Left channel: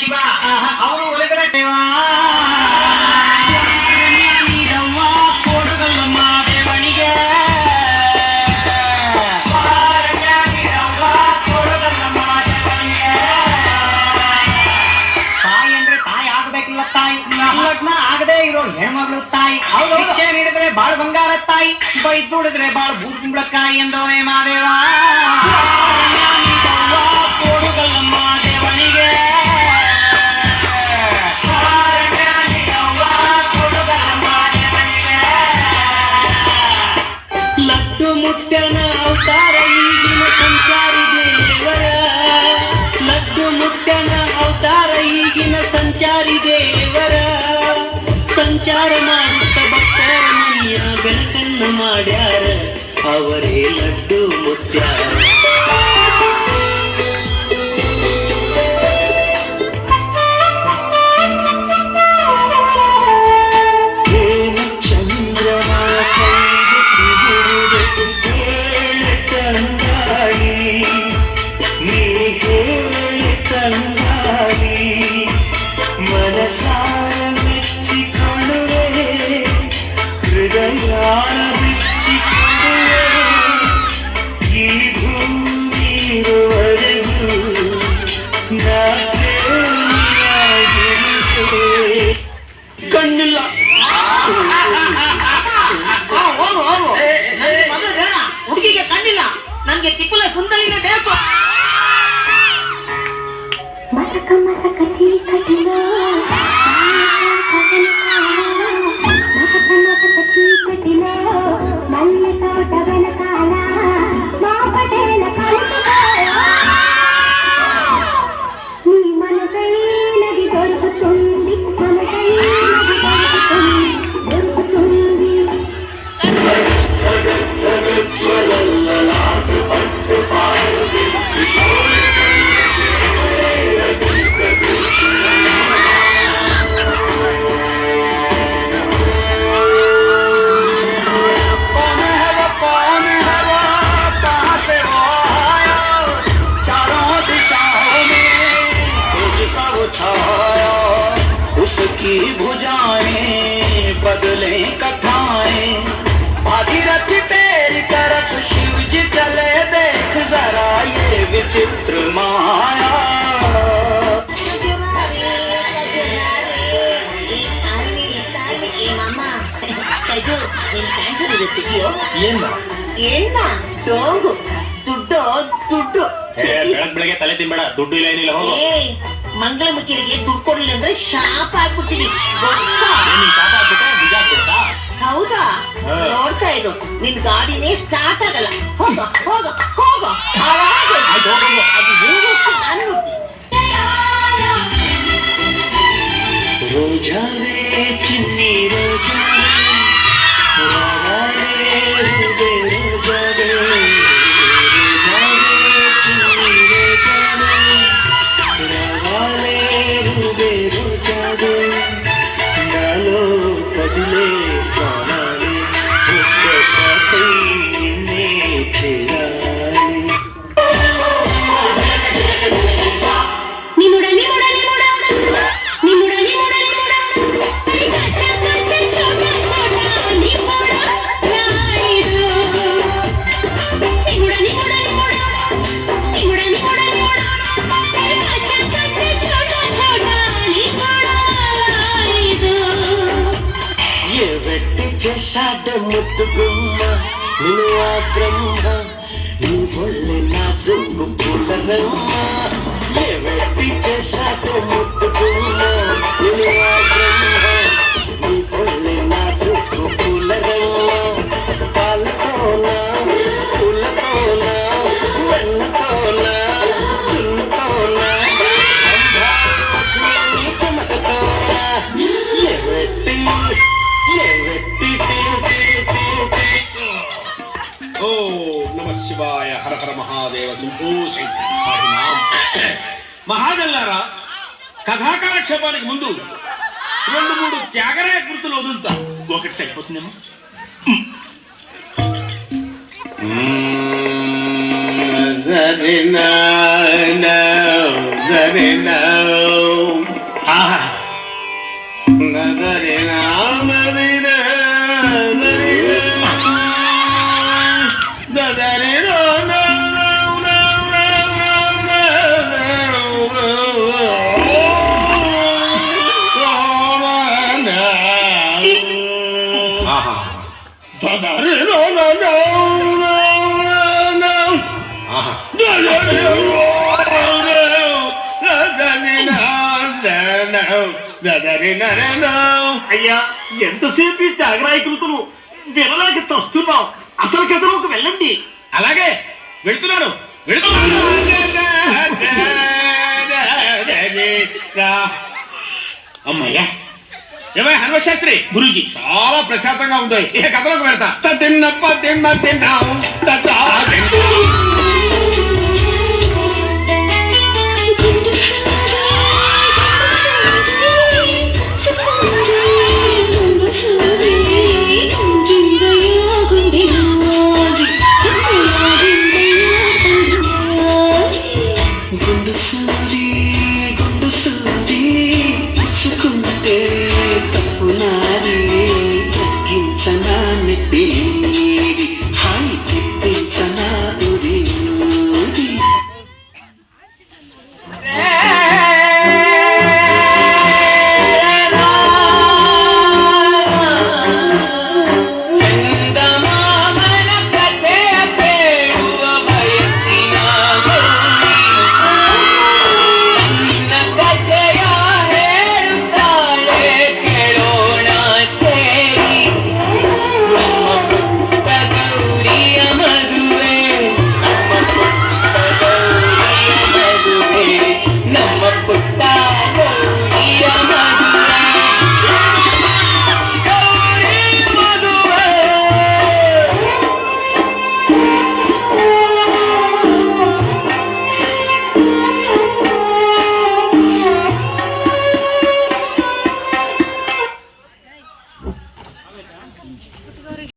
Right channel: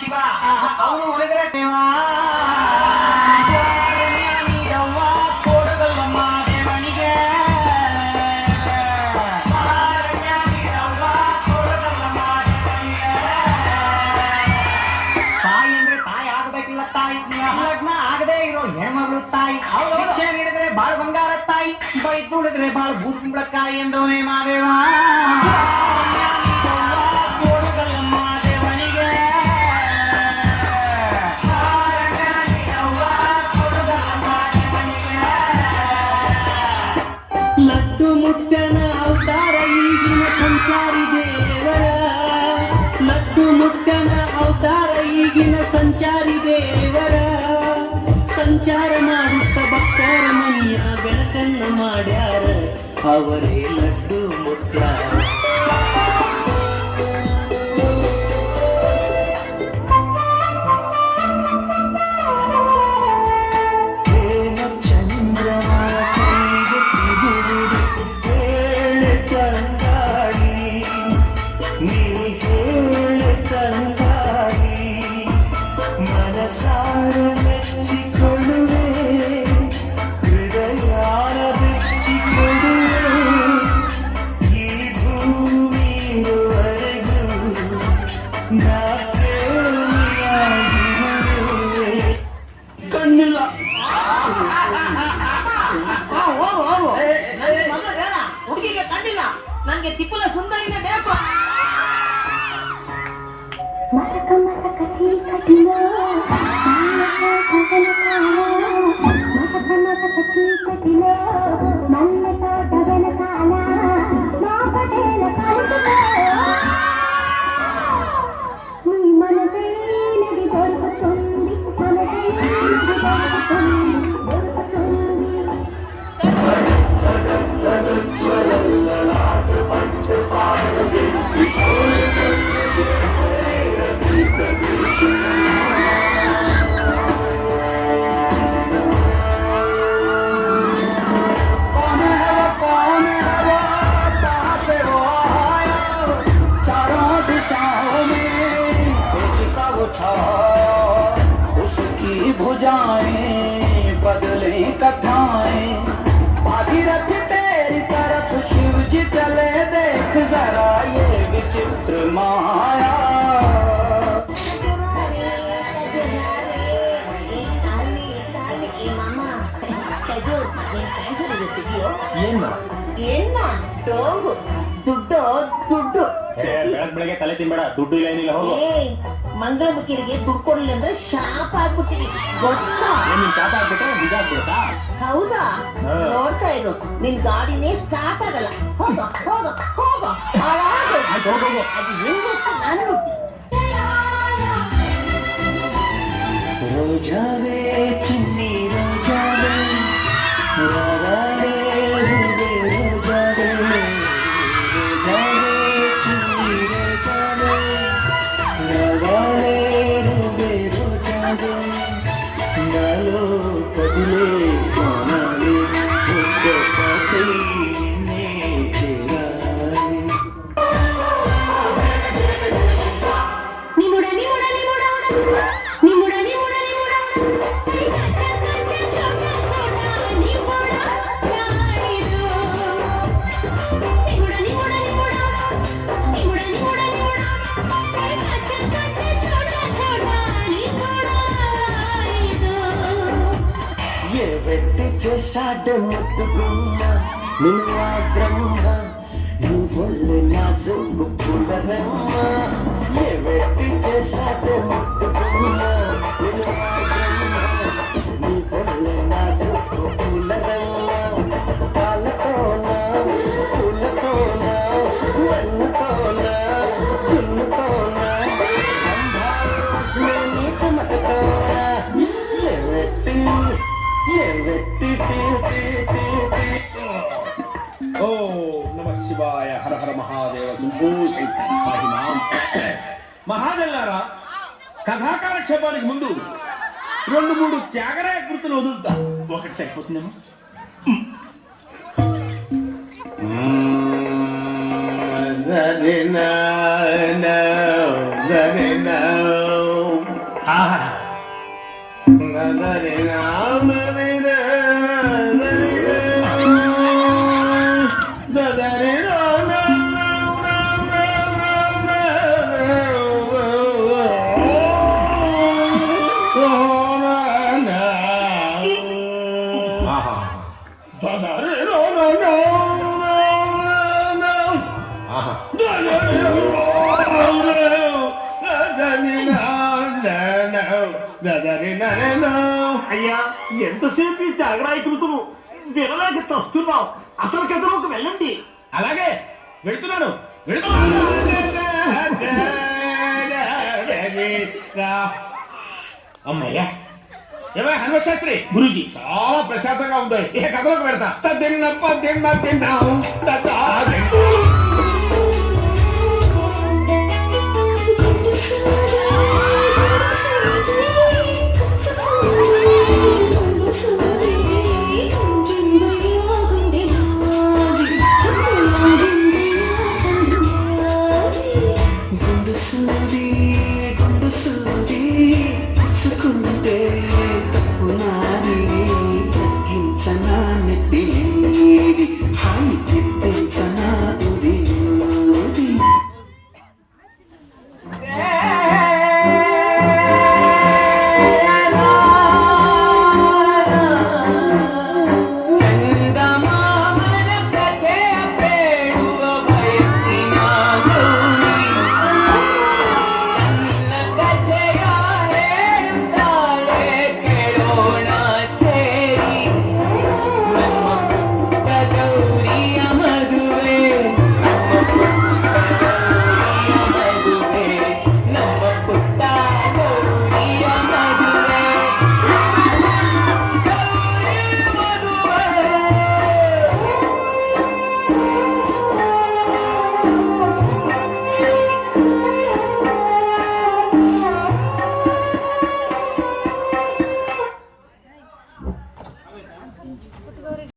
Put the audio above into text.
ಶಿವ ಅವನು ಒಳಗಡೆ ತಾಯಿ ಅಂದ್ರೆ ತಾಯಿ ಆಗ್ಬೇಕಿಲ್ಲ ತಾಯಿ ಲಗ್ನ ಆಗದೆ ಇರೋ ಹೆಣ್ಮಗಳು ತಾಯಿ ಶಿಕ್ಷೆ ನೀಡಿದ್ರೆ ಬಾಳ ಬಂಗಾರ ತಾಯಿ ಬೈದು ಉಳಿದ್ರೆ ಬಾಳ ಭೂಕುಂಬಳಕಾಯಿ ಎಂದವನೇ ಮಾದೇವ ಲಡ್ಡು ಮುಟ್ಟನ ಅವತಾರ ಈಗಿನ ಸಂಚಾರಿ ದೇವರ ಲಡ್ಡು ಮುಟ್ಟನ ಅವತಾರ ಈಗಿನ ಸಂಚಾರಿ ದೇವರ ಸಂಚಾರ ಮಾಡುತ್ತ ಭಕ್ತರ ಮನೆಯ ಬೆಳಕನ್ನ ಮಾಡ್ಯಾರ ಅವರೇ ಲಡ್ಡು ಮುಟ್ಟ್ಯಾರ ಕಣ್ಣಿಲ್ಲ ಹುಡುಗಿಗೆ ಕಣ್ಣಿಲ್ಲ ನನ್ಗೆ ತಿಪ್ಪಲ ಸುಂದರಿನೇ ಬೇಕು ಮಸಕ ಮಸಕ ಚೀಕಟಿನ ಮಸಕ ಮಸಕ ಚೀಕಟಿನ ಮಲ್ಲ ತೋಟವನ ಕಾಲ ಮಾಪಟೇನ ನೀ ಮನಸೈ ನದಿ ದೊರಕುತ್ತುಂದಿ ಮನಸೈ भुजाएं बदले कथाएं भागीरथ तेरी तरफ शिव जी चले देख जरा ये विचित्र माया ದುಡ್ಡು ದುಡ್ಡು ಬೆಳಗ್ಗೆ ತಲೆ ತಿನ್ಬೇಡ ದುಡ್ಡು ಇಲ್ಲ ಏನಿಲ್ಲ ಹೋಗು ಮಂಗಳಮುಖಿಯರಿಗೆ ದುಡ್ಡು ಕೊಡ್ಲಿಲ್ಲ ಅಂದ್ರೆ ಶಾಪ ಆಗ್ಬಿಡ್ತೀನಿ ಶಾಪ ಆಗ್ಬಿಟ್ರೆ ನಿಜ ಆಗ್ಬಿಡ್ತಾ ಹೌದಾ ನೋಡ್ತಾ ಇರು ನಿನ್ ಗಾಡಿನೇ ಸ್ಟಾರ್ಟ್ ಆಗಲ್ಲ ಹೋಗ ಹೋಗ ಹೋಗ ಅದು ನಾನು ರೋಜಾವೇ ಚಿನ್ನಿ ರೋಜಾವೇ నాలో కదిలే ప్రాణాలు ఒక్క పాటై నిన్నే చేరాలి నిముడ నిముడ నిముడ నిముడ నిముడ వెట్టి చేశాడ ముద్దుగుమ్మ నిన్ను ఆ బ్రహ్మ నీ ఒళ్ళి నా సిగ్గు పుల్లరమ్మ ఏ వెట్టి చేశాడ ముద్దుగుమ్మ నిన్ను ఆ బ్రహ్మ నీ ఒళ్ళి నా సిగ్గు పుల్లరమ్మ పాలతోనా పుల్లతోనా వెన్నతోనా చున్నతోనా అంధాలక్ష్మి చమకతోనా ఏ వెట్టి మహాజల్లారా, కథాకాలక్షేపానికి ముందు 2-3 త్యాగరాయ కృతులు వదులుతా. ఒకటి సరిపోతుందేమో. ఆహా. అయ్యా, ఎంతసేపు ఈ త్యాగరాయ కృతులు వినలేక చస్తున్నాం. అసలు కథలోకి వెళ్ళండి. అలాగే వెళుతున్నాను. అమ్మయ్యా. ఏమై హనుమశాస్త్రి, గురూజీ చాలా ప్రశాంతంగా ఉంది. ఇక కథలోకి వెళ్తా.